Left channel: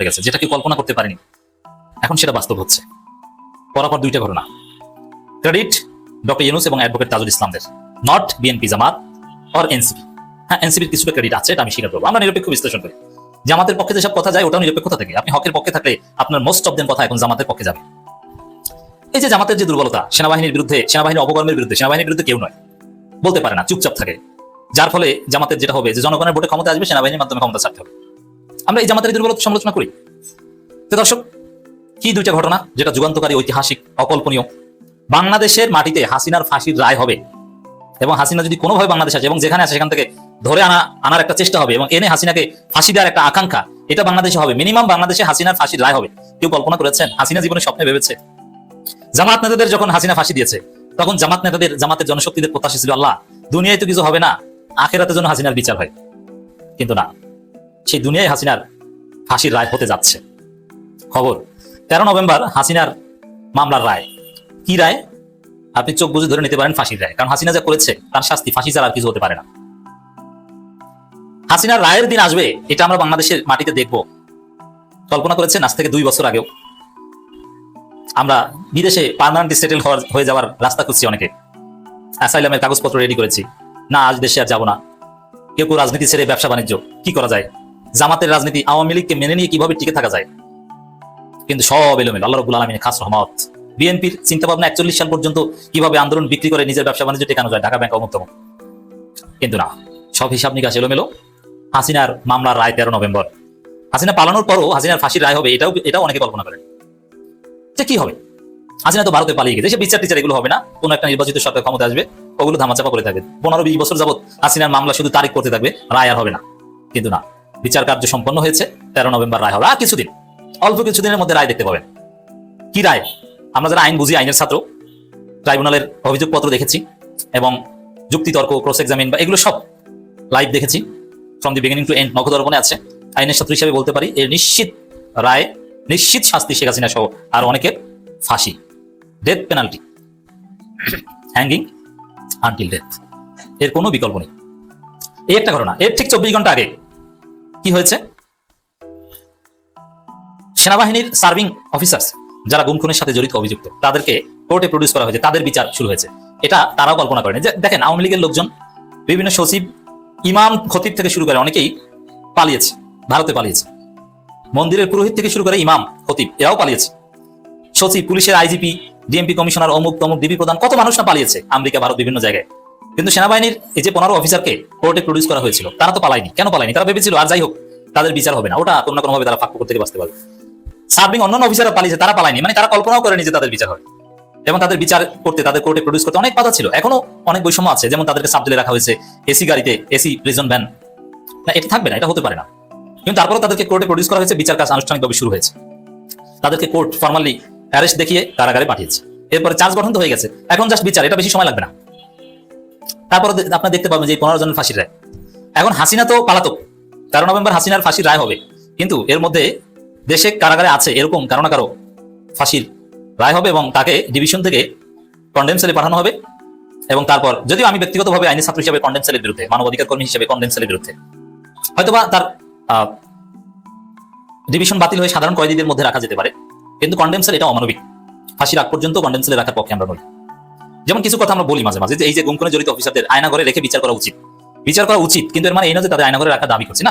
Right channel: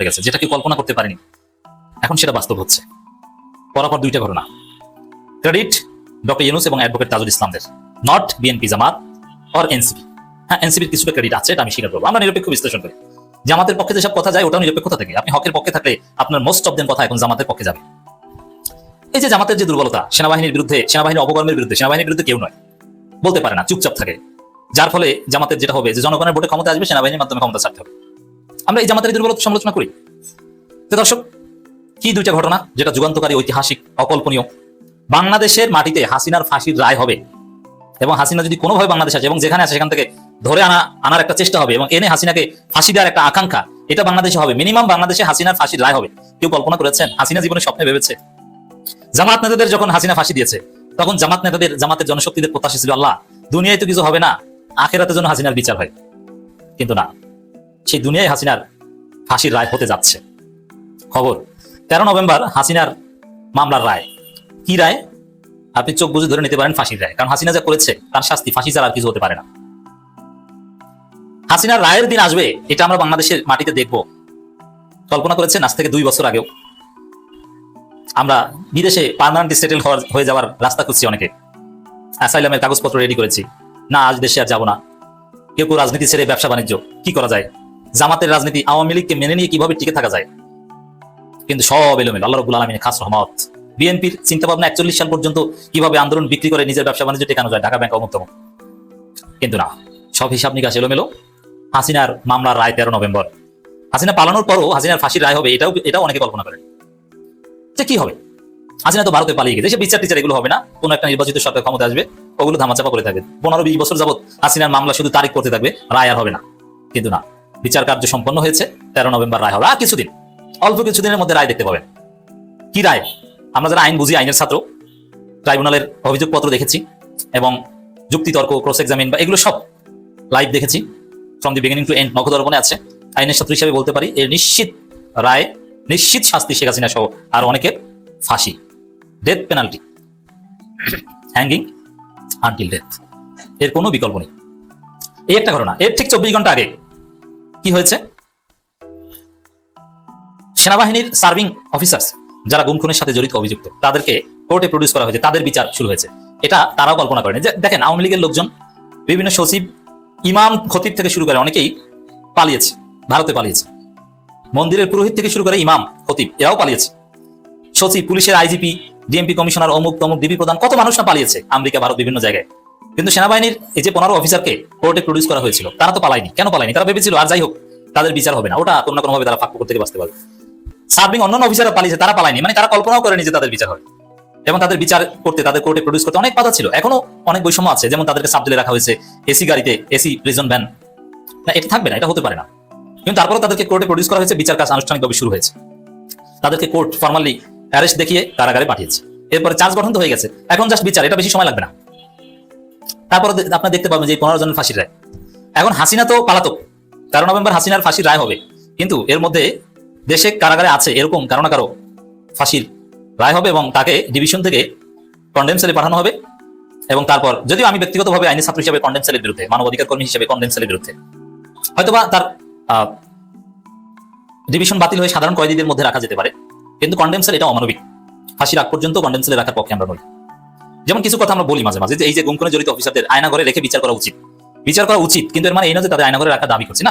ঠিক আছে যেটা কি কল্পনা করতে পারেনি। এখন সেটা বাস্তব হচ্ছে। পরপর দুইটা ঘটনা। ক্রেডিট ডক্টর ইউনুস এবং advocate Tajul ইসলামদের not BNP Jamaat or NCP হ্যাঁ এনসিপির কিছুটা ক্রেডিট আছে, এটা আমি স্বীকার করব। আমরা নিরপেক্ষ বিশ্লেষণ করি। জামাতের পক্ষে যেসব কথা যায়, ওটাও নিরপেক্ষতা থেকে। আপনি হকের পক্ষে থাকলে আপনার মোস্ট অফ দেন কথা এখন জামাতের পক্ষে যাবে। এই যে জামাতের যে দুর্বলতা, সেনাবাহিনীর বিরুদ্ধে সেনাবাহিনীর অপকর্মের বিরুদ্ধে, সেনাবাহিনীর বিরুদ্ধে কেউ নয়। বলতে পারে না, চুপচাপ থাকে। যার ফলে জামাতের যেটা হবে, যে জনগণের ভোটে ক্ষমতা আসবে, সেনাবাহিনীর মাধ্যমে ক্ষমতা ছাড়তে হবে। আমরা এই জামাতের দুর্বলতা সমালোচনা করি। তো দর্শক, কি দুইটা ঘটনা যেটা যুগান্তকারী ঐতিহাসিক, অকল্পনীয়? বাংলাদেশের মাটিতে হাসিনার ফাঁসির রায় হবে। এবং হাসিনা যদি কোনোভাবে বাংলাদেশ আছে এবং যেখানে আছে সেখান থেকে ধরে আনা আনার একটা চেষ্টা হবে এবং এনে হাসিনাকে ফাঁসি দেওয়ার একটা আকাঙ্ক্ষা, এটা বাংলাদেশে হবে। মিনিমাম বাংলাদেশে হাসিনার ফাঁসির রায় হবে। কেউ কল্পনা করেছেন? হাসিনা জীবনে স্বপ্নে ভেবেছে। জামাত নেতাদের যখন হাসিনা ফাঁসি দিয়েছে, তখন জামাত নেতাদের জামাতের জনশক্তিদের প্রত্যাশা ছিল, আল্লাহ, দুনিয়ায় তো কিছু হবে না আখেরাতের জন্য হাসিনার বিচার হয়। কিন্তু না। সেই দুনিয়ায় হাসিনার ফাঁসির রায় হতে যাচ্ছে। খবর তেরো নভেম্বর হাসিনার মামলার রায়। কি রায়? আপনি চোখ বুঝে ধরে নিতে পারেন ফাঁসির রায় কারণ হাসিনা যা করেছে তার শাস্তি ফাঁসি ছাড়া কিছু হতে পারে না। হাসিনার রায়ের দিন আসবে এটা আমরা বাংলাদেশের মাটিতে দেখব। কল্পনা করেছেন আজ থেকে দুই বছর আগেও। আমরা বিদেশে পার্মানেন্ট সেটেল হয়ে যাওয়ার রাস্তা খুঁজছি অনেকে। অ্যাসাইলামের কাগজপত্র রেডি করেছি। না আজ দেশে আর যাব না। কেউ কেউ রাজনীতি ছেড়ে ব্যবসা বাণিজ্য কি করা যায়? জামাতের রাজনীতি আওয়ামী লীগকে মেনে নিয়ে কীভাবে টিকে থাকা যায়? কিন্তু সব এলোমেলো। আল্লাহ রবুল আলমিনের খাস রহমত। বিএনপির চিন্তা ভাবনা একচল্লিশ সাল পর্যন্ত কীভাবে আন্দোলন বিক্রি করে নিজের ব্যবসা বাণিজ্য টেকানো যায়? ঢাকা ব্যাংক অমুক্তম কিন্তু না, সব হিসাব নিকাশ এলোমেলো। হাসিনার মামলার রায় তেরো নভেম্বর। হাসিনা পালানোর পরও হাসিনার ফাঁসির রায় হবে, এটাও এটাও অনেকে কল্পনা করে। যে কি হবে? হাসিনা তো ভারতে পালিয়ে গেছে বিচার টিচার, এগুলো হবে না। কোন একটা নির্বাচিত সরকার ক্ষমতা আসবে, এগুলো ধামাচাপা করে থাকবে। পনেরো বিশ বছর যাবত হাসিনার মামলা শুধু তারিখ করতে থাকবে, রায় আর হবে না। কিন্তু না বিচার কার্য সম্পন্ন হয়েছে, তেরো নভেম্বর রায় হবে। আর কিছুদিন, অল্প কিছুদিনের মধ্যে রায় দেখতে পাবেন। কি রায়? আমরা যারা আইন বুঝি, আইনের ছাত্র, ট্রাইব্যুনালের অভিযোগপত্র দেখেছি এবং যুক্তিতর্ক ক্রস এক্সামিন বা এগুলো সব লাইভ দেখেছি। From the beginning to end নখদর্পণে আছে। আইনের ছাত্র হিসেবে বলতে পারি, এর নিশ্চিত রায়, নিশ্চিত শাস্তি শেখ হাসিনা সহ আর অনেকের ফাঁসি। Death penalty hanging until death এর কোনো বিকল্প নেই। এই একটা ঘটনা, এর ঠিক চব্বিশ ঘণ্টা আগে কি হয়েছে? সেনাবাহিনীর সার্ভিং অফিসার্স যারা গুম খুনের সাথে জড়িত অভিযুক্ত, তাদেরকে কোর্টে প্রডিউস করা হয়েছে। তাদের বিচার শুরু হয়েছে। এটা তারাও কল্পনা করেনি। যে দেখেন, আওয়ামী লীগের লোকজন, বিভিন্ন সচিব, ইমাম খতিব থেকে শুরু করে অনেকেই পালিয়েছে, ভারতে পালিয়েছে। মন্দিরের পুরোহিত থেকে শুরু করে ইমাম খতিব, এরাও পালিয়েছে। সচিব, পুলিশের আইজিপি, ডিএমপি কমিশনার অমুক তমুক ডিবি প্রধান, কত মানুষরা পালিয়েছে আমেরিকা, ভারত, বিভিন্ন জায়গায়। কিন্তু সেনাবাহিনীর এই যে পনেরো অফিসারকে কোর্টে প্রডিউস করা হয়েছিল, তারা তো পালায়নি। কেন পালায়নি? তারা ভেবেছিল, আর যাই হোক, তাদের বিচার হবে না। ওটা কোনো কোনোভাবে তারা ফাঁক থেকে বাঁচতে পারবে। সার্ভিং অন্যান্য অফিসাররা পালিয়েছে, তারা পালায়নি। মানে তারা কল্পনাও করেনি যে তাদের বিচার হবে। এবং তাদের বিচার করতে, তাদের কোর্টে প্রডিউস করতে অনেক বাধা ছিল। এখনও অনেক বৈষম্য আছে। যেমন তাদেরকে সাবজেলে রাখা হয়েছে, এসি গাড়িতে, এসি প্রিজন ভ্যান না, এটা থাকবে না, এটা হতে পারে না। কিন্তু তারপরে তাদেরকে কোর্টে প্রডিউস করা হয়েছে, বিচার কাজ আনুষ্ঠানিকভাবে শুরু হয়েছে। তাদেরকে কোর্ট ফর্মালি অ্যারেস্ট দেখিয়ে কারাগারে পাঠিয়েছে। এরপরে চার্জ গঠন তো হয়ে গেছে। এখন জাস্ট বিচার, এটা বেশি সময় লাগবে না। তারপরে আপনারা দেখতে পাবেন যে পনেরো জনের ফাঁসির রায়। এখন হাসিনা তো পালাতক। তেরো নভেম্বর হাসিনার ফাঁসির রায় হবে। কিন্তু এর মধ্যে দেশে কারাগারে আছে এরকম কারও না কারও ফাঁসির রায় হবে এবং তাকে ডিভিশন থেকে কন্ডেম পাঠানো হবে এবং তারপর যদিও আমি ব্যক্তিগতভাবে আইনি ছাত্র হিসেবে কন্ডেম বিরুদ্ধে, মানবাধিকার কর্মী হিসেবে কন্ডেম বিরুদ্ধে হয়তো তার ডিভিশন বাতিল সাধারণ কয়েদিদের মধ্যে রাখা যেতে পারে। কিন্তু কন্ডেম এটা অমানবিক। ফাঁসির আগ পর্যন্ত কন্ডেম রাখার পক্ষে আমরা নই। যেমন কিছু কথা আমরা বলি মাঝে মাঝে, যে এই যে গুমখুনে জড়িত অফিসারদের আয়না ঘরে রেখে বিচার করা উচিত। বিচার করা উচিত, কিন্তু এর মানে এই না যে তারা আয়না ঘরে রাখা দাবি করছে।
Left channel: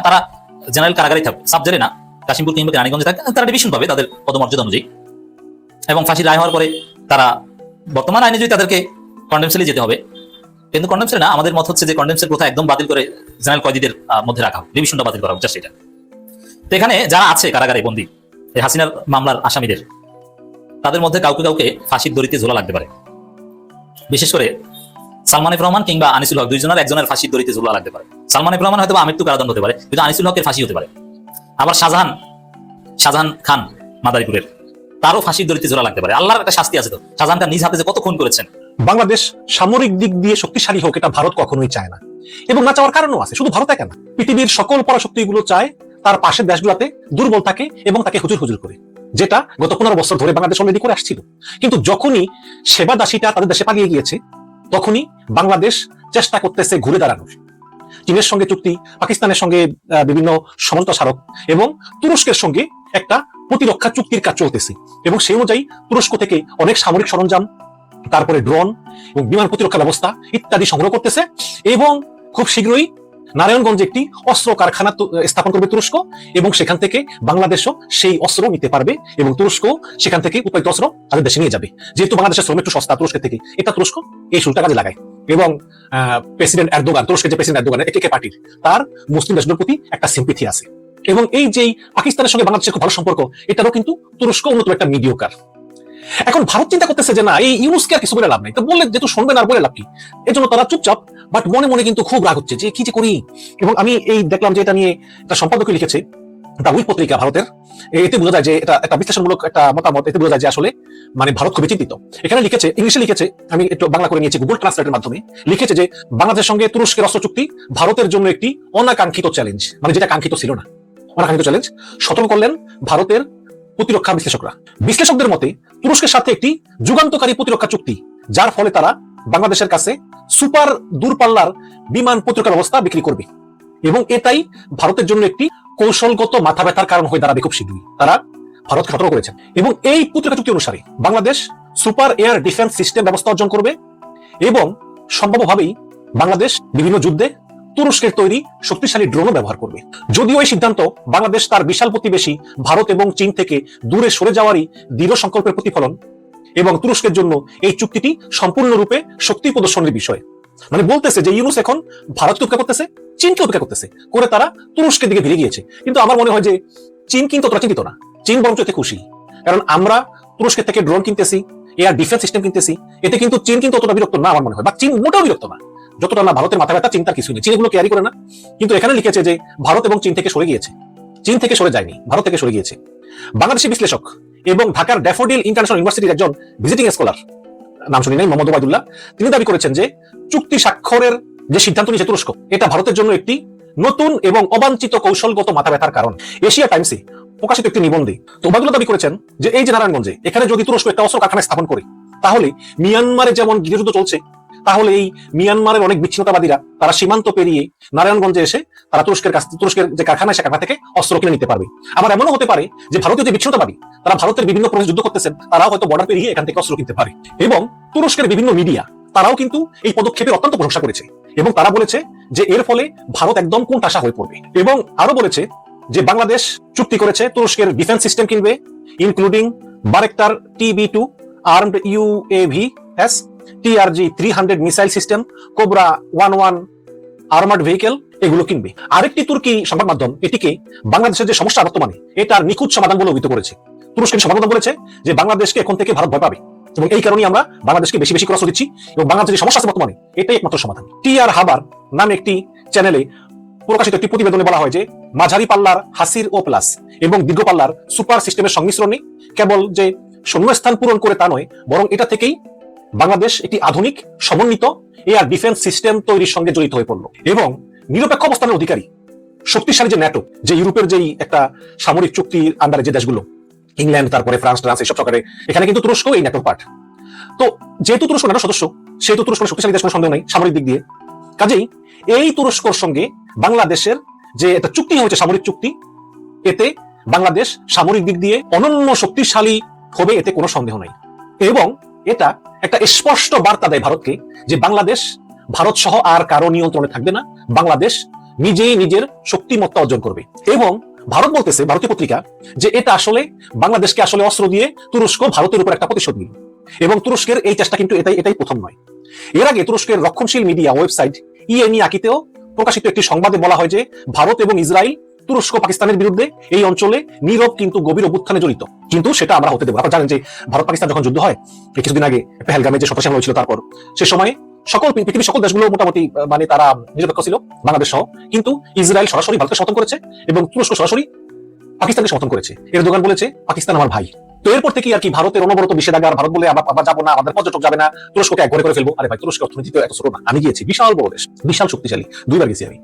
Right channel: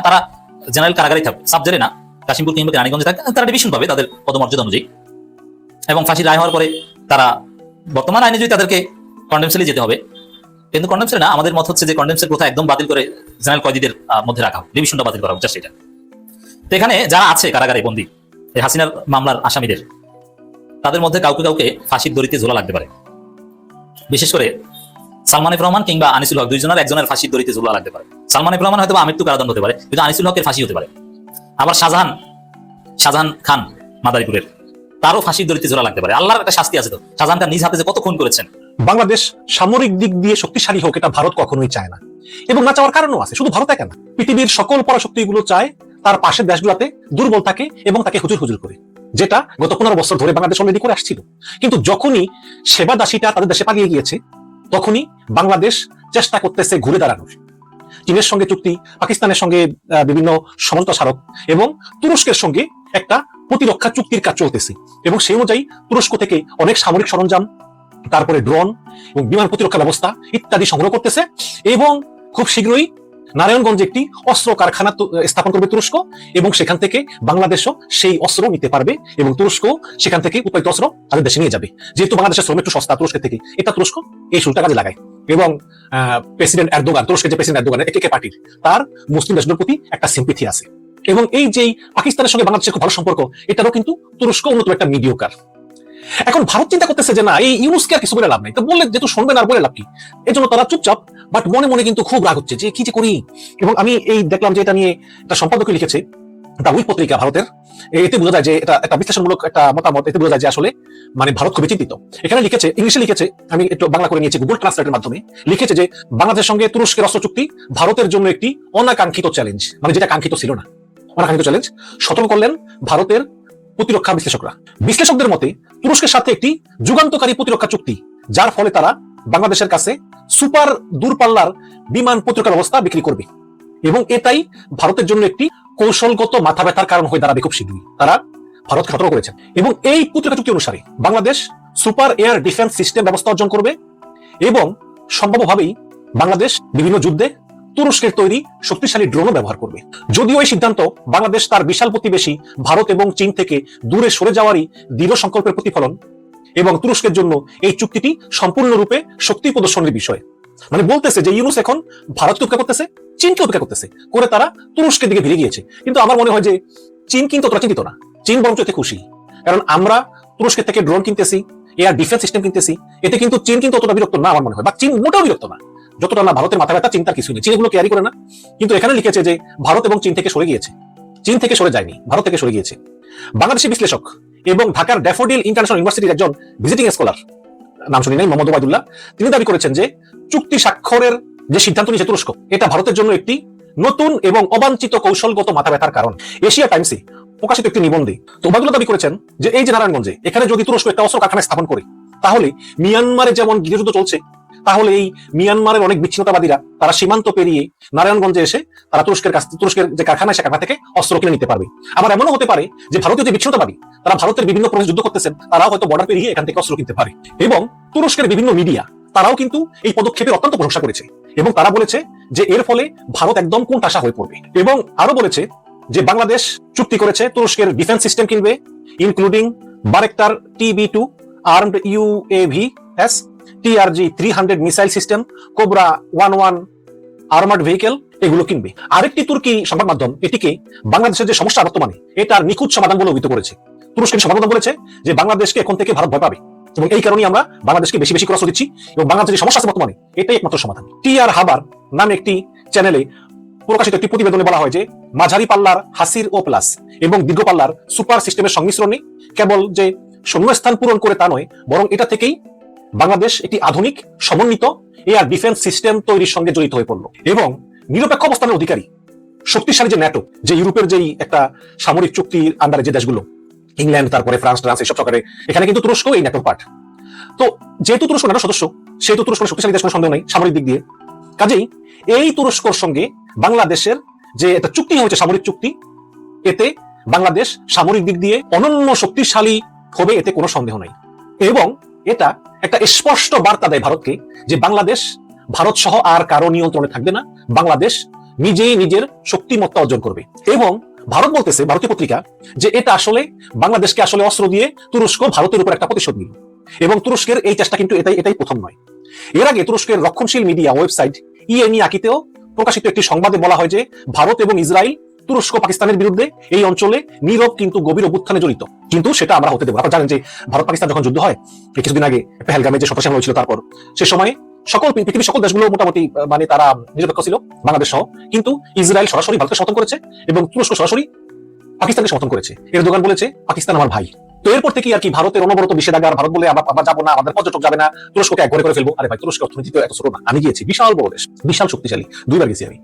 এবং ফাঁসি হওয়ার পরে তারা বর্তমান আইনে যদি তাদেরকে যেতে হবে, কিন্তু না, আমাদের মত হচ্ছে যে কন্ডেমসেল প্রথা একদম বাতিল করে জেনারেল কয়েদিদের মধ্যে রাখা ডিভিশনটা বাতিল করা জাস্ট এটা তো এখানে যারা আছে কারাগারে বন্দী হাসিনার মামলার আসামিদের, তাদের মধ্যে কাউকে কাউকে ফাঁসির দড়িতে ঝোলা লাগতে পারে। বিশেষ করে সালমান রহমান কিংবা আনিসুল হক, দুইজনের একজনের ফাঁসির দড়িতে ঝোলা লাগতে পারে। সালমান রহমান হয়তো আমৃত্যু কারাদণ্ড হতে পারে, কিন্তু আনিসুল হকের ফাঁসি হতে পারে। আবার শাহজাহান শাহজাহান খান মাদারীপুরের, তারও ফাঁসির দড়িতে ঝোলা লাগতে পারে। আল্লাহর একটা শাস্তি আছে তো। শাহজাহানটা নিজ হাতে যে কত খুন করেছেন? বাংলাদেশ সামরিক দিক দিয়ে শক্তিশালী হোক, এটা ভারত কখনোই চায় না। এবং না চাওয়ার কারণও আছে, শুধু ভারত কেন? পৃথিবীর সকল পরাশক্তি গুলো চায় তার পাশের দেশগুলোতে দুর্বল থাকে এবং তাকে হুজুর হুজুর করে। যেটা গত পনেরো বছর ধরে বাংলাদেশ অলরেডি করে আসছিল। কিন্তু যখনই সেবা দাসীটা তাদের দেশে পালিয়ে গিয়েছে, তখনই বাংলাদেশ চেষ্টা করতেছে ঘুরে দাঁড়ানোর। চীনের সঙ্গে চুক্তি, পাকিস্তানের সঙ্গে বিভিন্ন সমঝোতা স্মারক এবং তুরস্কের সঙ্গে একটা প্রতিরক্ষা চুক্তির কাজ চলতেছে। এবং সেই অনুযায়ী তুরস্ক থেকে অনেক সামরিক সরঞ্জাম, তারপরে ড্রোন এবং বিমান প্রতিরক্ষা ব্যবস্থা ইত্যাদি সংগ্রহ করতেছে এবং খুব শীঘ্রই নারায়ণগঞ্জে একটি অস্ত্র কারখানা স্থাপন করবে তুরস্ক, এবং সেখান থেকে বাংলাদেশও সেই অস্ত্র নিতে পারবে, এবং তুরস্ক সেখান থেকে উৎপাদিত অস্ত্র আমাদের দেশে নিয়ে যাবে। যেহেতু বাংলাদেশের শ্রম একটু সস্তা তুরস্কের থেকে, এটা তুরস্ক এই সুযোগটা কাজে লাগায়। এবং প্রেসিডেন্ট এরদোগান তুরস্কের প্রেসিডেন্ট এরদোগানের একে পার্টি, তার মুসলিম দেশগুলোর প্রতি একটা সিম্পিথি আছে। এবং এই যে পাকিস্তানের সঙ্গে বাংলাদেশের খুব ভালো সম্পর্ক, এটারও কিন্তু তুরস্ক অন্যতম একটা মিডিওকার এখন ভারত চিন্তা করতেছে যে না, এই ইউনুসকে আর কিছু বলে লাভ নেই। তো বললে যেহেতু শুনবে না আর বলে লাভ কি? এই জন্য তারা চুপচাপ বাট মনে মনে কিন্তু খুব রাগ হচ্ছে যে, কি যে করি? এবং আমি এই দেখলাম যে এটা নিয়ে একটা সম্পাদকে লিখেছে দ্য উইক পত্রিকা ভারতের। এতে বোঝা যায় যে এটা একটা বিশ্লেষণমূলক একটা মতামত, এতে বোঝা যায় যে আসলে মানে ভারত খুবই চিন্তিত। এখানে লিখেছে, ইংলিশে লিখেছে, আমি একটু বাংলা করে নিয়েছি গুগল ট্রান্সলেটের মাধ্যমে, লিখেছে যে, বাংলাদেশের সঙ্গে তুরস্কের অস্ত্র চুক্তি, ভারতের জন্য একটি অনাকাঙ্ক্ষিত চ্যালেঞ্জ মানে যেটা কাঙ্ক্ষিত ছিল না। অনাকাঙ্ক্ষিত চ্যালেঞ্জ করলেন ভারতের প্রতিরক্ষা বিশ্লেষকরা। বিশ্লেষকদের মতে, তুরস্কের সাথে একটি যুগান্তকারী প্রতিরক্ষা চুক্তি, যার ফলে তারা বাংলাদেশের কাছে সুপার দূরপাল্লার বিমান প্রতিরক্ষা ব্যবস্থা বিক্রি করবে। এবং এটাই ভারতের জন্য একটি কৌশলগত মাথা ব্যথার কারণ হয়ে দাঁড়াবে খুব শীঘ্রই। তারা ভারতকে সতর্ক করেছেন এবং এই প্রতিরক্ষা চুক্তি অনুসারে Bangladesh super air defence system ব্যবস্থা অর্জন করবে এবং সম্ভাব্যভাবেই বাংলাদেশ বিভিন্ন যুদ্ধে তুরস্কের তৈরি শক্তিশালী ড্রোনও ব্যবহার করবে। যদিও এই সিদ্ধান্ত বাংলাদেশ তার বিশাল প্রতিবেশী ভারত এবং চীন থেকে দূরে সরে যাওয়ারই দৃঢ় সংকল্পের প্রতিফলন এবং তুরস্কের জন্য এই চুক্তিটি সম্পূর্ণরূপে শক্তি প্রদর্শনের বিষয়। মানে বলতেছে যে ইউনুস এখন ভারতকে উপেক্ষা করতেছে, চীনকে উপেক্ষা করতেছে। করে তারা তুরস্কের দিকে ভিড়ে গিয়েছে। কিন্তু আমার মনে হয় যে চীন কিন্তু অতটা চিন্তিত না। চীন বরঞ্চ খুশি। কারণ আমরা তুরস্কের থেকে ড্রোন কিনতেছি, এয়ার ডিফেন্স সিস্টেম কিনতেছি, এতে কিন্তু চীন কিন্তু অতটা বিরক্ত না আমার মনে হয়। বা চীন মোটেও বিরক্ত না। যতটা না ভারতের মাথায় একটা চিন্তার কিছু নেই। চীন এগুলো ক্যারি করে না। কিন্তু এখানে লিখেছে যে, ভারত এবং চীন থেকে সরে গিয়েছে। চীন থেকে সরে যায়নি। ভারত থেকে সরে গিয়েছে। বাংলাদেশি বিশ্লেষক এবং ঢাকার ড্যাফোডিল ইন্টারন্যাশনাল ইউনিভার্সিটির একজন ভিজিটিং স্কলার নাম শুনি নাই, মোহাম্মদ ওবায়দুল্লাহ তিনি দাবি করেছেন যে, চুক্তি স্বাক্ষরের যে সিদ্ধান্ত নিয়েছে তুরস্ক, এটা ভারতের জন্য একটি নতুন এবং অবাঞ্ছিত কৌশলগত মাথা ব্যথার কারণ। এশিয়া টাইমসে প্রকাশিত একটি নিবন্ধে তো দাবি করেছেন যে, এই যে নারায়ণগঞ্জে, এখানে যদি তুরস্ক একটা অস্ত্র কারখানা স্থাপন করে, তাহলে মিয়ানমারে যেমন গৃহযুদ্ধ চলছে তাহলে এই মিয়ানমারের অনেক বিচ্ছিন্নতাবাদীরা, তারা সীমান্ত পেরিয়ে নারায়ণগঞ্জে এসে তারা তুরস্কের কাছ তুরস্কের যে কারখানা সে কারখানা থেকে অস্ত্র কিনে নিতে পারবে। আবার এমনও হতে পারে যে ভারতীয় যে বিচ্ছিন্নতাবাদী, তারা ভারতের বিভিন্ন প্রদেশে যুদ্ধ করতেছেন, তারাও হয়তো বর্ডার পেরিয়ে এখান থেকে অস্ত্র কিনতে পারে। এবং তুরস্কের বিভিন্ন মিডিয়া তারাও কিন্তু এই পদক্ষেপের অত্যন্ত প্রশংসা করেছে। এবং তারা বলেছে যে এর ফলে ভারত একদম কোন টাসা হয়ে পড়বে। এবং আরও বলেছে যে বাংলাদেশ চুক্তি করেছে তুরস্কের ডিফেন্স সিস্টেম কিনবে including Bayraktar TB two armed UAV S TRG three hundred missile system Cobra one one armoured vehicle এগুলো কিনবে। আরেকটি তুর্কি সংবাদ মাধ্যম এটিকে বাংলাদেশের যে সমস্যা বর্তমানে এটার নিখুঁত সমাধান বলে অভিহিত করেছে। তুরস্কের মাধ্যম বলেছে যে বাংলাদেশকে এখন থেকে ভারত ভয় পাবে। এবং এই কারণে আমরা বাংলাদেশকে বেশি বেশি এবং বাংলাদেশের সমস্যা আছে বর্তমানে, এটাই একমাত্র সমাধান। টি আর হাবার নামে একটি চ্যানেলে প্রকাশিত একটি প্রতিবেদনে বলা হয় যে, মাঝারি পাল্লার হাসির ও প্লাস এবং দীর্ঘ পাল্লার সুপার সিস্টেমের সংমিশ্রণে কেবল যে শূন্যস্থান পূরণ করে তা নয়, বরং এটা থেকেই বাংলাদেশ একটি আধুনিক, সমন্বিত এয়ার ডিফেন্স সিস্টেম তৈরির সঙ্গে জড়িত হয়ে পড়ল এবং নিরপেক্ষ অবস্থানের অধিকারী, শক্তিশালী যে ন্যাটো, যে ইউরোপের যেই একটা সামরিক চুক্তির আন্ডারে যে দেশগুলো, ইংল্যান্ড, তারপরে ফ্রান্স ফ্রান্স, এসব সরকারে এখানে কিন্তু তুরস্ক এই ন্যাটোর পার্ট তো যেহেতু তুরস্ক ন্যাটো সদস্য, সেহেতু তুরস্ক শক্তিশালী দেশ সন্দেহ নেই, সামরিক দিক দিয়ে। কাজেই এই তুরস্কর সঙ্গে বাংলাদেশের যে একটা চুক্তি হয়েছে, সামরিক চুক্তি, এতে বাংলাদেশ সামরিক দিক দিয়ে অনন্য শক্তিশালী হবে, এতে কোনো সন্দেহ নেই। এবং এটা একটা স্পষ্ট বার্তা দেয় ভারতকে যে বাংলাদেশ, ভারত সহ আর কারও নিয়ন্ত্রণে থাকবে না। বাংলাদেশ নিজেই নিজের শক্তিমত্তা অর্জন করবে। এবং ভারত বলতেছে যে এটা আসলে বাংলাদেশকে আসলে অস্ত্র দিয়ে তুরস্ক ভারতের উপর একটা প্রতিশোধ নিল। এবং তুরস্কের এই কাজটা কিন্তু এটাই এটাই প্রথম নয়। এর আগে তুরস্কের রক্ষণশীল মিডিয়া ওয়েবসাইট আকিতেও প্রকাশিত একটি সংবাদে বলা হয় যে ভারত এবং ইসরায়েল তুরস্ক পাকিস্তানের বিরুদ্ধে এই অঞ্চলে নীরব কিন্তু গভীর অভ্যুত্থানে জড়িত। কিন্তু সেটা আমরা হতে দেবো। আপনারা জানেন যে ভারত পাকিস্তান যখন যুদ্ধ হয়, কিছুদিন আগে পেহেলগামে যে হামলা হয়েছিল তারপর, সে সময় সকল পৃথিবীর সকল দেশগুলো মোটামুটি মানে তারা নিরপেক্ষ ছিল, বাংলাদেশ সহ। কিন্তু ইসরায়েল সরাসরি ভারতকে সমর্থন করেছে এবং তুরস্ক সরাসরি পাকিস্তানকে সমর্থন করেছে। এর দোকান বলেছে, পাকিস্তান আমার ভাই। তো এরপর থেকে আর কি ভারতের অনবরত নিষেধাজ্ঞা আর ভারত বলে আমরা আমরা যাব না, আমাদের পর্যটক যাবে না, তুরস্ককে একবারে করে ফেলব। আরে ভাই তুরস্ক অর্থনীতি তো এত ছোট না। আমি গিয়েছি, বিশাল বড় দেশ, বিশাল শক্তিশালী। দুইবার গেছি আমি।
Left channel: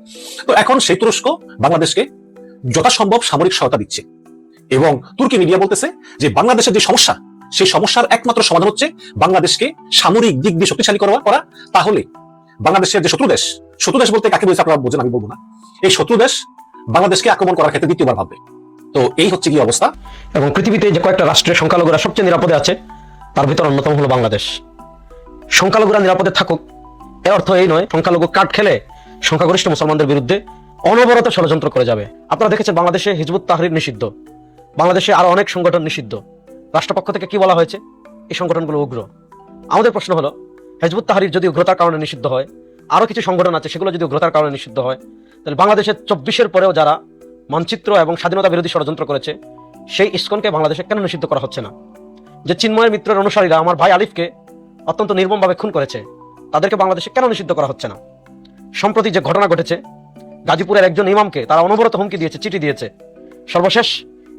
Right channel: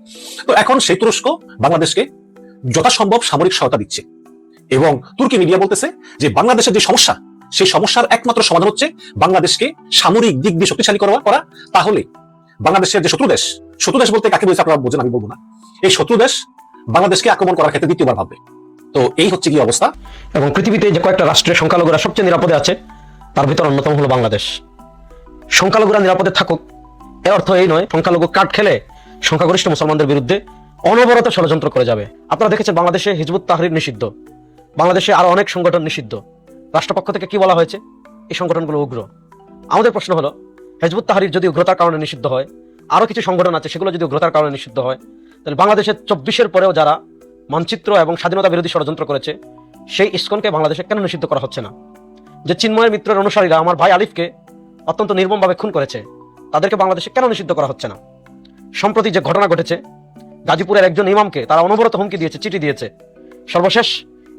তো এখন সেই তুরস্ক বাংলাদেশকে যথাসম্ভব সামরিক সহায়তা দিচ্ছে। এবং তুর্কি মিডিয়া বলতেছে যে বাংলাদেশের যে সমস্যা, সেই সমস্যার একমাত্র সমাধান হচ্ছে বাংলাদেশকে সামরিক দিক দিয়ে শক্তিশালী করা করা। তাহলে বাংলাদেশের যে শত্রু দেশ শত্রু দেশ বলতে কাকে বলছে আপনারা বোঝেন, আমি বলব না। এই শত্রু দেশ বাংলাদেশকে আক্রমণ করার ক্ষেত্রে দ্বিতীয়বার ভাববে। তো এই হচ্ছে কি অবস্থা। এবং পৃথিবীতে যে কয়েকটা রাষ্ট্রের সংখ্যালঘুরা সবচেয়ে নিরাপদে আছে, তার ভিতর অন্যতম হলো বাংলাদেশ। সংখ্যালঘুরা নিরাপদে থাকুক, এর অর্থ এই নয়, সংখ্যালঘু কাঠ খেলে সংখ্যাগরিষ্ঠ মুসলমানদের বিরুদ্ধে অনবরত ষড়যন্ত্র করে যাবে। আপনারা দেখেছেন বাংলাদেশে হিজবুত তাহরির নিষিদ্ধ। বাংলাদেশে আরও অনেক সংগঠন নিষিদ্ধ। রাষ্ট্রপক্ষ থেকে কি বলা হয়েছে? এই সংগঠনগুলো উগ্র। আমাদের প্রশ্ন হলো, হিজবুত তাহরির যদি উগ্রতার কারণে নিষিদ্ধ হয়, আরও কিছু সংগঠন আছে সেগুলো যদি উগ্রতার কারণে নিষিদ্ধ হয়, তাহলে বাংলাদেশের চব্বিশের পরেও যারা মানচিত্র এবং স্বাধীনতা বিরোধী ষড়যন্ত্র করেছে, সেই ইস্কনকে বাংলাদেশে কেন নিষিদ্ধ করা হচ্ছে না? যে চিন্ময় মিত্রের অনুসারীরা আমার ভাই আলিফকে অত্যন্ত নির্মমভাবে খুন করেছে, তাদেরকে বাংলাদেশে কেন নিষিদ্ধ করা হচ্ছে না? সম্প্রতি যে ঘটনা ঘটেছে গাজীপুরের একজন ইমামকে তারা অনবরত হুমকি দিয়েছে, চিঠি দিয়েছে। সর্বশেষ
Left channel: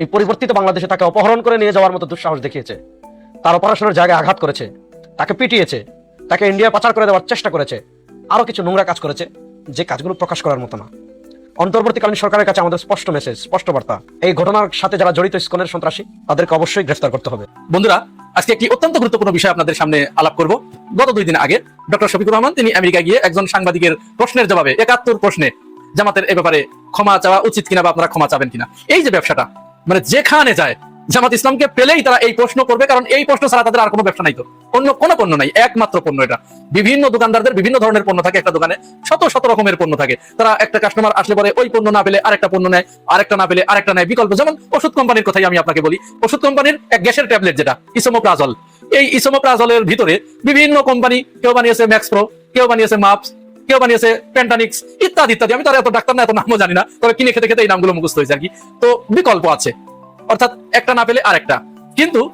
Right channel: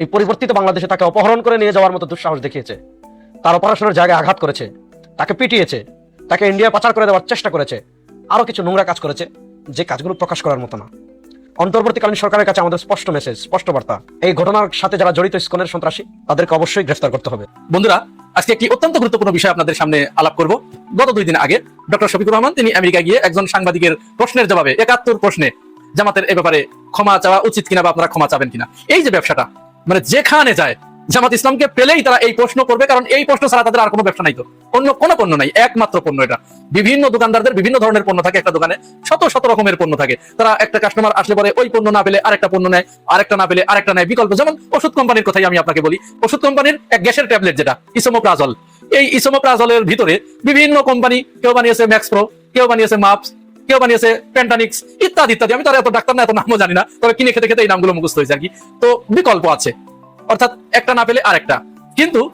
এই পরিবর্তিত বাংলাদেশে তাকে অপহরণ করে নিয়ে যাওয়ার মতো দুঃসাহস দেখিয়েছে। তার অপারেশনের জায়গায় আঘাত করেছে, তাকে পিটিয়েছে, তাকে ইন্ডিয়া পাচার করে দেওয়ার চেষ্টা করেছে আরও কিছু নোংরা কাজ করেছে, যে কাজগুলো প্রকাশ করার মতো না। অন্তর্বর্তীকালীন সরকারের কাছে আমাদের স্পষ্ট মেসেজ স্পষ্ট বার্তা। এই ঘটনার সাথে যারা জড়িত স্কুলের সন্ত্রাসী, তাদেরকে অবশ্যই গ্রেফতার করতে হবে। বন্ধুরা, আজকে একটি অত্যন্ত গুরুত্বপূর্ণ বিষয় আপনাদের সামনে আলাপ করব। গত দুই দিন আগে ডক্টর শফিকুর রহমান, তিনি আমেরিকা গিয়ে একজন সাংবাদিকের প্রশ্নের জবাবে একাত্তর প্রশ্নে জামাতের এ ব্যাপারে ক্ষমা চাওয়া উচিত কিনা বা আপনারা ক্ষমা চাবেন কিনা? এই যে ব্যবসাটা মানে যেখানে যায়, জামাত ইসলামকে পেলেই তারা এই প্রশ্ন করবে, কারণ এই প্রশ্ন ছাড়া তাদের আর কোনো ব্যবসা নাই তো। অন্য কোনো পণ্য নাই, একমাত্র পণ্য এটা। বিভিন্ন দোকানদারদের বিভিন্ন ধরনের পণ্য থাকে একটা দোকানে, শত শত রকমের পণ্য থাকে। তারা একটা কাস্টমার আসলে পরে ওই পণ্য না পেলে আরেকটা পণ্য নেয়, আরেকটা না পেলে আরেকটা নেয়। বিকল্প, যেমন ওষুধ কোম্পানির কথাই আমি আপনাকে বলি। ওষুধ কোম্পানির এক গ্যাসের ট্যাবলেট যেটা ইসোমোপ্রাজল এই ইসোমোপ্রাজলের ভিতরে বিভিন্ন কোম্পানি, কেউ বানিয়েছে ম্যাক্সপ্রো কেউ বানিয়েছে মাপস কেউ বানিয়েছে প্যান্টানিক্স ইত্যাদি ইত্যাদি। আমি তার এত ডাক্তার না, এত নামও জানি না। তবে কিনে খেতে খেতে এই নামগুলো মুখস্থ হয়েছে আর কি। তো বিকল্প আছে। অর্থাৎ একটা না পেলে আরেকটা। কিন্তু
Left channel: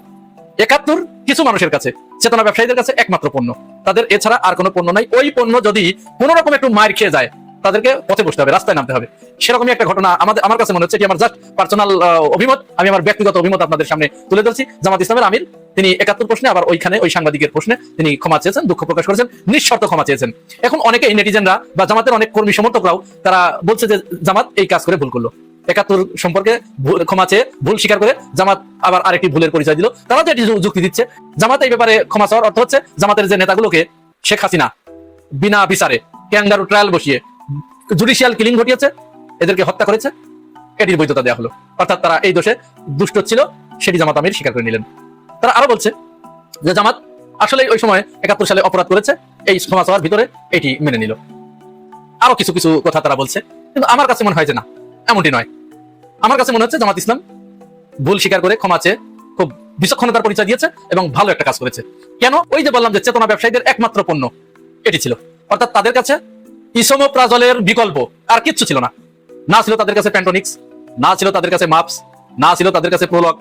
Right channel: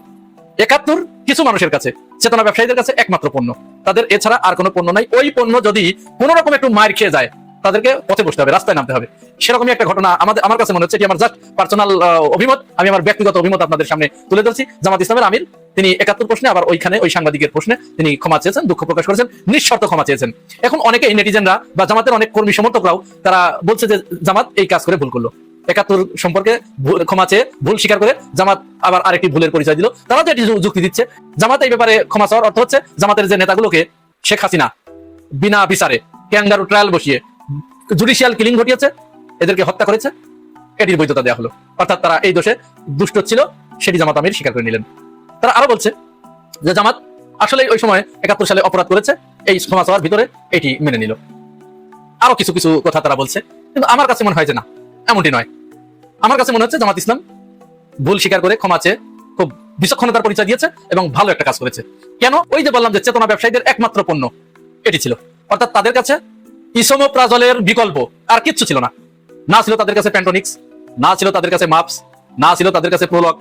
একাত্তর কিছু মানুষের কাছে, চেতনা ব্যবসায়ীদের কাছে একমাত্র পণ্য। তাদের এছাড়া আর কোনো পণ্য নাই। ওই পণ্য যদি কোনো রকম একটু মার খেয়ে যায় তাদেরকে পথে বসতে হবে, রাস্তায় নামতে হবে। সেরকমই একটা ঘটনা আমাদের আমার কাছে মনে হচ্ছে এটি আমার জাস্ট পার্সোনাল অভিমত, আমি আমার ব্যক্তিগত অভিমত আপনাদের সামনে তুলে ধরছি। জামাত ইসলামের আমির, তিনি একাত্তর প্রশ্নে, আবার ওইখানে ওই সাংবাদিকের প্রশ্নে তিনি ক্ষমা চেয়েছেন, দুঃখ প্রকাশ করেছেন, নিঃশর্ত ক্ষমা চেয়েছেন। এখন অনেকে নেটিজেনরা বা জামাতের অনেক কর্মী সমর্থকরাও, তারা বলছে যে জামাত এই কাজ করে ভুল করল। একাত্তর সম্পর্কে ক্ষমা চেয়ে ভুল স্বীকার করে জামাত আবার আরেকটি ভুলের পরিচয় দিল। তারা তো এটি যুক্তি দিচ্ছে, জামাত এই ব্যাপারে ক্ষমা চাওয়ার অর্থ হচ্ছে জামাতের যে নেতাগুলোকে শেখ হাসিনা বিনা বিচারে ক্যাঙ্গারু ট্রায়াল বসিয়ে জুডিশিয়াল কিলিং ঘটিয়েছে, এদেরকে হত্যা করেছে। এটির বৈধতা দেওয়া হলো। অর্থাৎ তারা এই দোষে দুষ্ট ছিল, সেটি জামাত আমির স্বীকার করে নিলেন। তারা আরও বলছে যে জামাত আসলে ওই সময় একাত্তর সালে অপরাধ করেছে, এই ক্ষমা চাওয়ার ভিতরে এটি মেনে নিল। আরও কিছু কিছু কথা তারা বলছে, কিন্তু আমার কাছে মনে হয় যে না, এমনটি নয়। আমার কাছে মনে হচ্ছে জামাত ইসলাম ভুল স্বীকার করে ক্ষমা চেয়ে খুব বিচক্ষণতার পরিচয় দিয়েছে এবং ভালো একটা কাজ করেছে। কেন? ওই যে বললাম যে চেতনা ব্যবসায়ীদের একমাত্র পণ্য, এটি ছিল। অর্থাৎ তাদের কাছে ইসোমোপ্রাজলের বিকল্প, আর কিচ্ছু ছিল না। না ছিল তাদের কাছে প্যান্টনিক্স না ছিল তাদের কাছে মাপস না ছিল তাদের কাছে প্রোলগ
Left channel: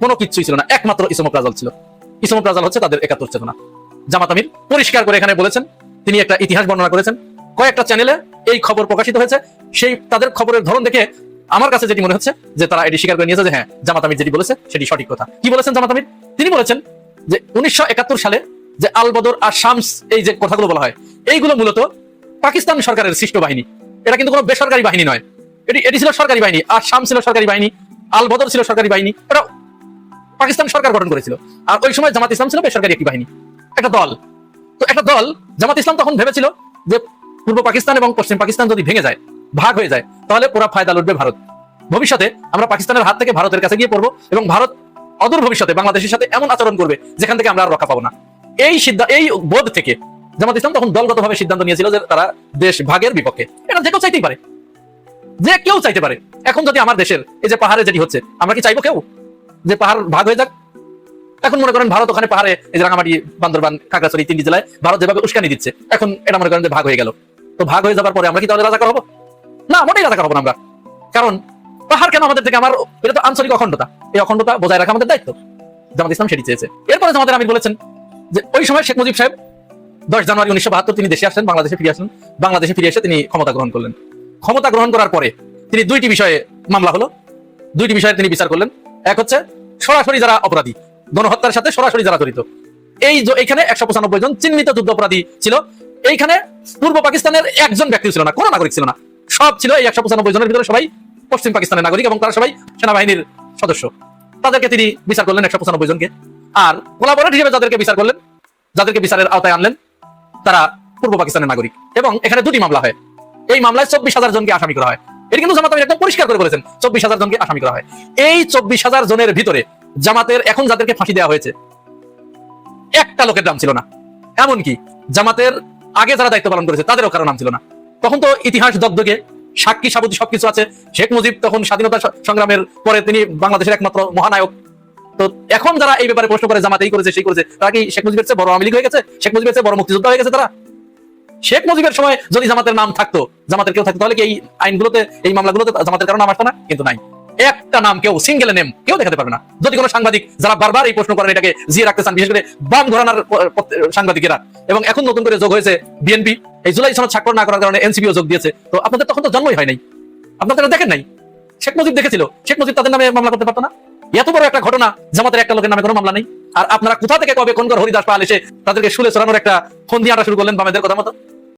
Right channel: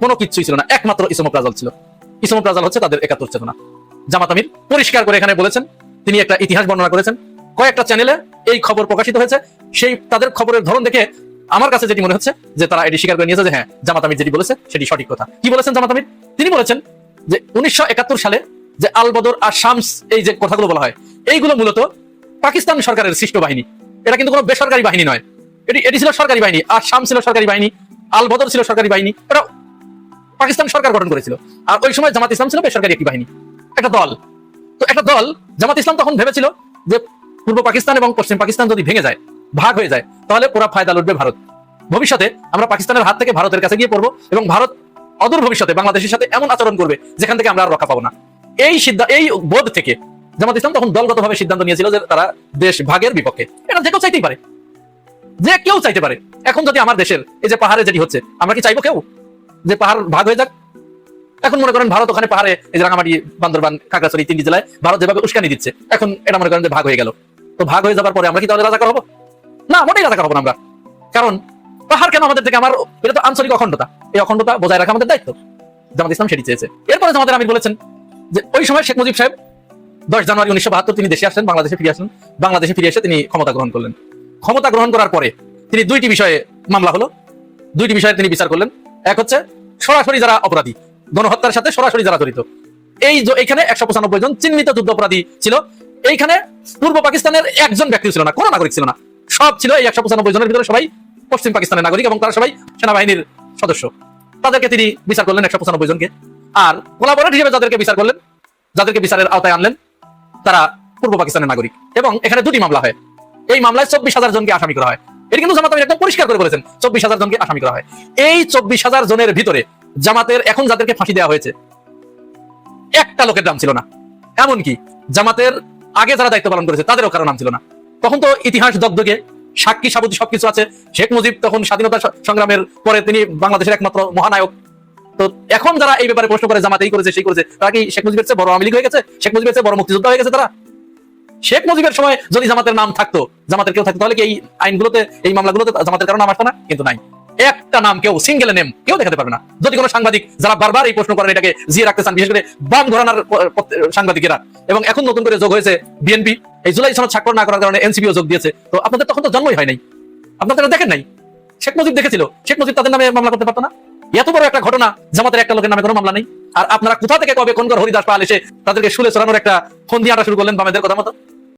কোনো কিছুই ছিল না, একমাত্র ইসোমোপ্রাজল ছিল। ইসোমোপ্রাজল হচ্ছে তাদের একাত্তর চেতনা জামাত আমির পরিষ্কার করে এখানে বলেছেন, তিনি একটা ইতিহাস বর্ণনা করেছেন। কয়েকটা চ্যানেলে এই খবর প্রকাশিত হয়েছে। সেই তাদের খবরের ধরন দেখে আমার কাছে যেটি মনে হচ্ছে, যে তারা এটি স্বীকার করে নিয়েছে যে হ্যাঁ জামাত আমির যেটি বলেছে, সেটি সঠিক কথা। কি বলেছেন জামাত আমির? তিনি বলেছেন যে উনিশশো একাত্তর সালে যে আল বদর আর শামস, এই যে কথাগুলো বলা হয়, এইগুলো মূলত পাকিস্তান সরকারের সৃষ্ট বাহিনী। এটা কিন্তু কোনো বেসরকারি বাহিনী নয়। এটি এটি ছিল সরকারি বাহিনী, আর শাম ছিল সরকারি বাহিনী, আল বদর ছিল সরকারি বাহিনী। এবং ভারত। অদূর ভবিষ্যতে বাংলাদেশের সাথে এমন আচরণ করবে যেখান থেকে আমরা আর রক্ষা পাবো না। এই সিদ্ধান্ত এই বোধ থেকে জামাত ইসলাম তখন দলগতভাবে সিদ্ধান্ত নিয়েছিল যে তারা দেশ ভাগের বিপক্ষে। এটা যে কেউ চাইতেই পারে। যে কেউ চাইতে পারে। এখন যদি আমার দেশের এই যে পাহাড়ে যেটি হচ্ছে, আমরা কি চাইব কেউ? যে পাহাড় ভাগ হয়ে যাক? এখন মনে করেন ভারত ওখানে পাহাড়ে এই যে রাঙামাটি, বান্দরবান, খাগড়াছড়ি, তিনটি জেলায় ভারত যেভাবে উস্কানি দিচ্ছে, এখন এটা মনে করেন যে ভাগ হয়ে গেল। তো ভাগ হয়ে যাবার পরে আমরা কি তাহলে রাজাকার হব? না, মোটেই রাজাকার হব না আমরা। কারণ পাহাড় কেন আমাদের থেকে আমার এটা তো আঞ্চলিক অখণ্ডতা। এই অখণ্ডতা বজায় রাখা আমাদের দায়িত্ব। জামাত ইসলাম সেটি চেয়েছে। এরপরে জামাতের আমির বলেছেন যে ওই সময় শেখ মুজিব সাহেব দশ জানুয়ারি উনিশশো বাহাত্তর তিনি দেশে আসেন, বাংলাদেশে ফিরে আসেন। বাংলাদেশে ফিরে এসে তিনি ক্ষমতা গ্রহণ করলেন। ক্ষমতা গ্রহণ করার পরে তিনি দুইটি বিষয়ে মামলা হলো। দুইটি বিষয়ে তিনি বিচার করলেন। এক হচ্ছে সরাসরি যারা অপরাধী, গণহত্যার সাথে সরাসরি যারা জড়িত। এই যে এখানে একশো পঁচানব্বই জন চিহ্নিত যুদ্ধ অপরাধী ছিল। এইখানে পূর্ব পাকিস্তানের একজন ব্যক্তি ছিল না কোনো নাগরিক ছিল না। সব ছিল এই একশো পঁচানব্বই জনের ভিতরে সবাই পশ্চিম পাকিস্তানের নাগরিক এবং তারা সবাই সেনাবাহিনীর সদস্য। এদেরকে তিনি বিচার করলেন একশো পঁচানব্বই জনকে। আর কোলাবরেট হিসেবে যাদেরকে বিচার করলেন যাদেরকে বিচারের আওতায় আনলেন। তারা পূর্ব পাকিস্তানের নাগরিক। এবং এখানে দুটি মামলা হয়। এই মামলায় চব্বিশ হাজার জনকে আসামি করা হয়। এটা কিন্তু জামাত একদম পরিষ্কার করে বলেছেন, চব্বিশ হাজার জনকে আসামি করা হয়। এই চব্বিশ হাজার জনের ভিতরে জামাতের এখন যাদেরকে ফাঁসি দেওয়া হয়েছে, একটা লোকের নাম ছিল না। এমনকি জামাতের আগে যারা দায়িত্ব পালন করেছে, তাদেরও কারও নাম ছিল না। তখন তো ইতিহাস দগ্ধকে সাক্ষী, সাবুতি সবকিছু আছে। শেখ মুজিব তখন স্বাধীনতা সংগ্রামের পরে তিনি বাংলাদেশের একমাত্র মহানায়ক তো এখন যারা এই ব্যাপারে প্রশ্ন করে, জামাত এই করেছে, সেই করেছে, তারা কি শেখ মুজিবের চেয়ে বড় আওয়ামী লীগ হয়ে গেছে? শেখ মুজিবের চেয়ে বড় মুক্তিযোদ্ধা হয়ে গেছে তারা? শেখ মুজিবের সময় যদি জামাতের নাম থাকতো, জামাতের কেউ থাকতো, তাহলে কি এই আইনগুলোতে, এই মামলাগুলোতে জামাতের কারণ নাম আসতো না? কিন্তু নাই। একটা নাম কেউ সিঙ্গেল নেম কেউ দেখাতে পারবে না। যদি কোনো সাংবাদিক যারা বারবার এই প্রশ্ন করেন, এটাকে জিয়ে রাখতে চান, বিশেষ করে বাম ঘরানার সাংবাদিকেরা। এবং এখন নতুন করে যোগ হয়েছে বিএনপি এই জুলাই সনদ স্বাক্ষর না করার কারণে এনসিপিও যোগ দিয়েছে। তো আপনাদের তখন তো জন্মই হয় নাই। আপনারা তো দেখেন নাই। শেখ মুজিব দেখেছিল। শেখ মুজিব তাদের নামে মামলা করতে পারতো না? এত বড় একটা ঘটনা জামাতের একটা লোকের নামে কোনো মামলা নেই। আর আপনারা কোথা থেকে কবে কোন হরিদাস পাল এসে তাদেরকে শুলে চড়ানোর একটা ফোন দিয়ে আটা শুরু করলেন বামেদের কথা মতো?